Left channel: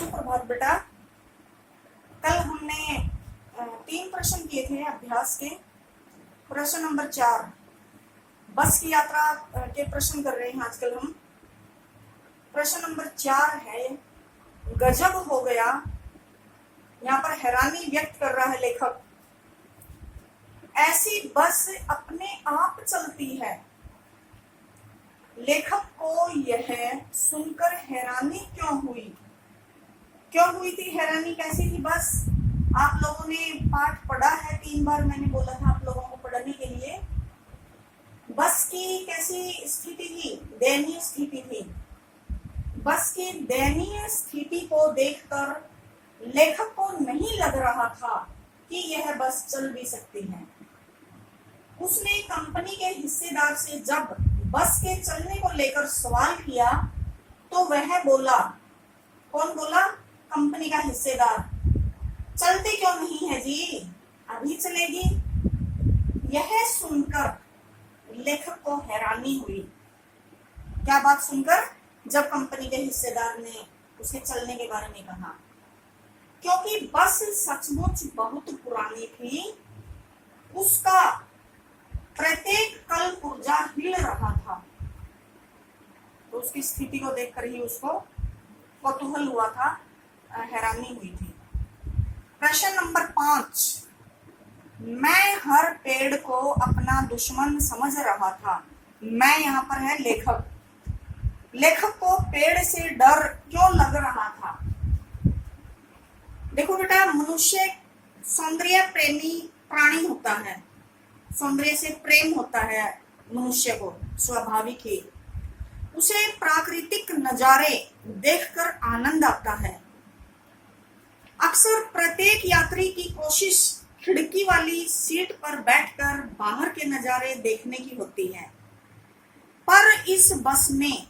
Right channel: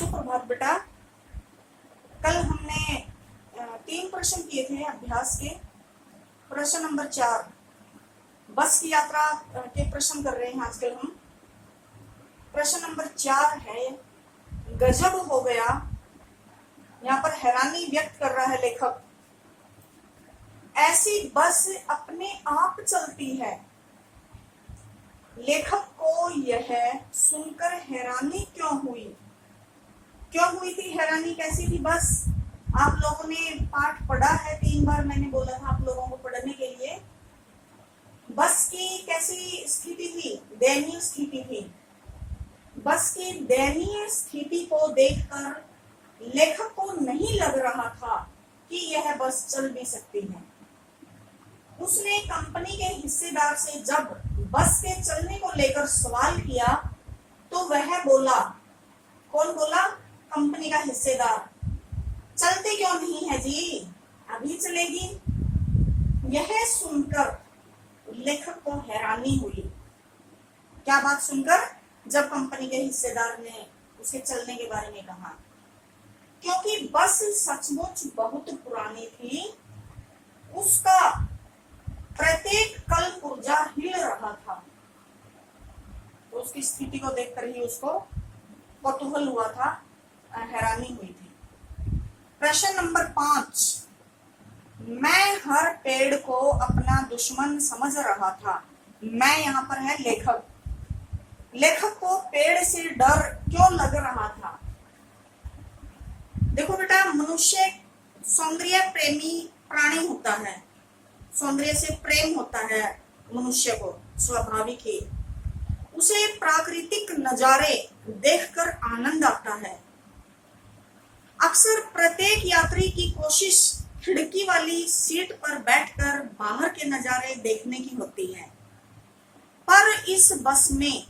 सुप्रभात बेटा। कल हमने 3 प्रश्न किए थे अभ्यास के। प्रश्न नंबर 4 बस की यात्रा के प्रश्न कर रहे हैं आजकल हम। प्रश्न नंबर 4 है गजब हो गया। यहाँ पर हैरानी व्यक्त कर रहा है लेखक। ऐसी बस अपने आप चलती है। लेखक को यह सुनकर हैरानी क्यों हुई थी? हैरानी कैसी थी? बस आप लोगों ने पाठ पढ़ा है, 3 बार मैंने बोला था आप लोगों को पढ़ने के लिए। बस की कैसी स्थिति थी? दयनीय स्थिति थी। बस की दयनीय स्थिति को देखकर लेखक को नहीं लग रहा था कि यह बस चल भी सकती है। उसने कंपनी के हिस्सेदार से जब बस के चलने को लेकर सवाल किया तो वह बोला, कौन बोला? कंपनी का हिस्सेदार। चलती क्यों नहीं है जी, अभी चलेगी। यह सुनकर लेखक को हैरानी हुई। क्या बात सुनकर? जब कंपनी के हिस्सेदार ने उसे चलने के बारे में कहा, क्योंकि बस सचमुच बहुत पुरानी थी। उसका प्रत्येक कल पुर्जा हिल रहा था। तो उसकी स्थिति को देखकर ही उसको कौतूहल हुआ था, हैरानी हुई थी। प्रश्न नंबर 5 मैं हर पेड़ को अपना दुश्मन समझ रहा था। मैं यहाँ पर है लेखक। लेखक को पेड़ से डर क्यों लग रहा था? देखो बेटा, मनुष्य सौंदर्य प्रेमी प्राणी होता है। सौंदर्य से प्रेम होता है मनुष्य को, स्वाभाविक ही। उसे प्राकृतिक नजारे देखकर आनंद आता है। अक्सर प्रत्येक यात्री की कोशिश खिड़की वाली सीट पर बैठकर बाहर के नजारे देखने की होती है, पर इस बस में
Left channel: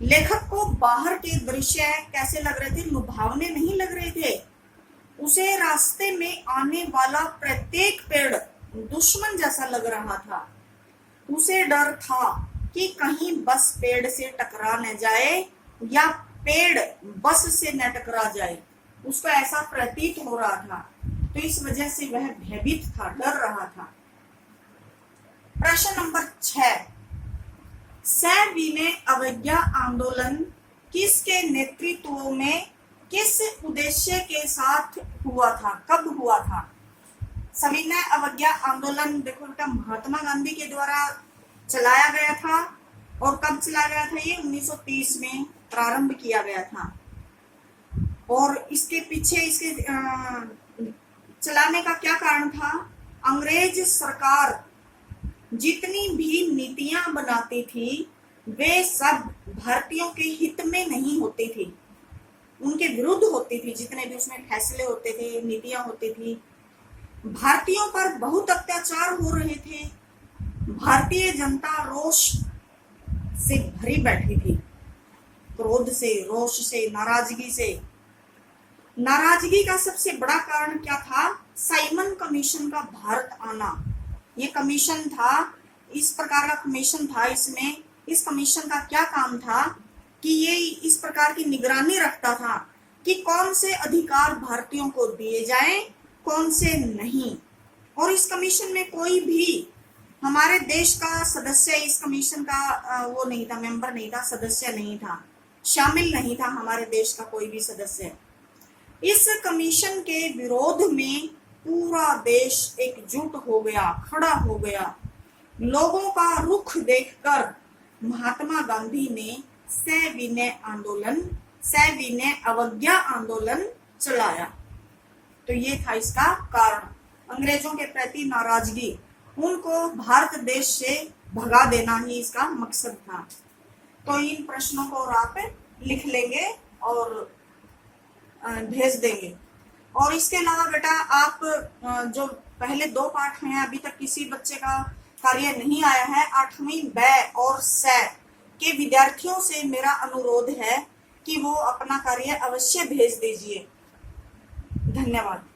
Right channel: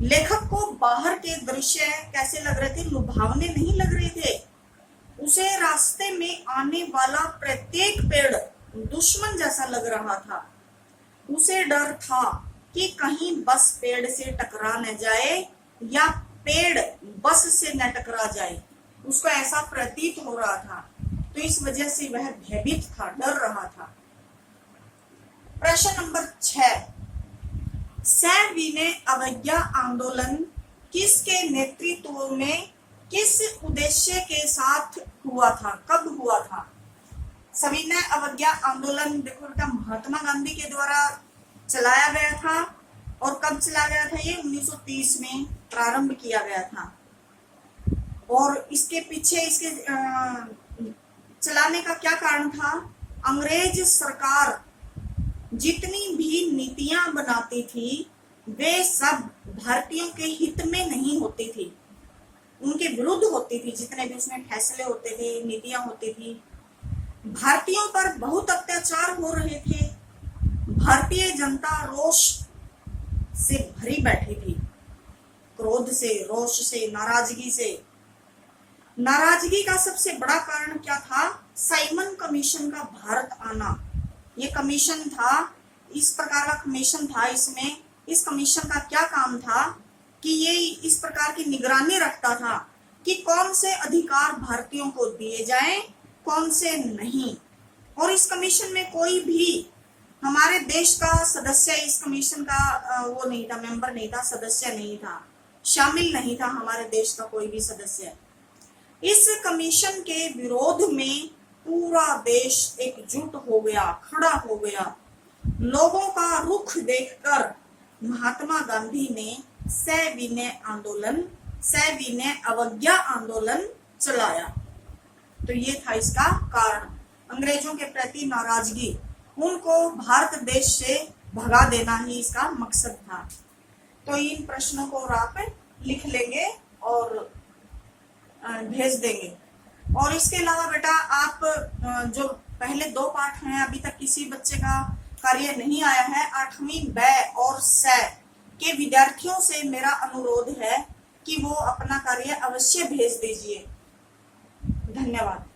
लेखक को बाहर के दृश्य कैसे लग रहे थे? लुभावने नहीं लग रहे थे। उसे रास्ते में आने वाला प्रत्येक पेड़ दुश्मन जैसा लग रहा था। उसे डर था कि कहीं बस पेड़ से टकरा न जाए या पेड़ बस से न टकरा जाए। उसको ऐसा प्रतीत हो रहा था, तो इस वजह से वह भयभीत था, डर रहा था। प्रश्न नंबर 6 सविनय अवज्ञा आंदोलन किसके नेतृत्व में, किस उद्देश्य के साथ हुआ था? कब हुआ था? सविनय अवज्ञा आंदोलन देखो बेटा, महात्मा गांधी के द्वारा चलाया गया था। और कब चलाया गया था? ये 1930 में प्रारंभ किया गया था। और इसके पीछे इसके चलाने का क्या कारण था? अंग्रेज सरकार जितनी भी नीतियां बनाती थी वे सब भारतीयों के हित में नहीं होती थी, उनके विरुद्ध होती थी। जितने भी उसमें फैसले होते थे, नीतियां होती थी, भारतीयों पर बहुत अत्याचार हो रहे थे। भारतीय जनता रोष से भरी बैठी थी, क्रोध से, रोष से, नाराजगी से। नाराजगी का सबसे बड़ा कारण क्या था? साइमन कमीशन का भारत आना। ये कमीशन था, इस प्रकार का कमीशन था। इसमें इस कमीशन का क्या काम था कि ये इस प्रकार की निगरानी रखता था कि कौन से अधिकार भारतीयों को दिए जाएं, कौन से नहीं। और इस कमीशन में कोई भी हमारे देश का सदस्य इस कमीशन का वो नहीं था, मेंबर नहीं था, सदस्य नहीं था, शामिल नहीं था हमारे देश का कोई भी सदस्य। इस कमीशन के विरोध में पूरा देश एकजुट हो गया, खड़ा हो गया। लोगों का रुख देखकर महात्मा गांधी ने सविनय अवज्ञा आंदोलन चलाया। तो ये था इसका कारण, अंग्रेजों के प्रति नाराजगी, उनको भारत देश से भगा देना ही इसका मकसद था। तो इन प्रश्नों को आप लिख लेंगे और भेज देंगे। और इसके अलावा बेटा, आप जो पहले 2 पाठ हैं, अभी तक किसी बच्चे का कार्य नहीं आया है। 8वीं ब और स के विद्यार्थियों से मेरा अनुरोध है कि वो अपना कार्य अवश्य भेज दीजिए। धन्यवाद।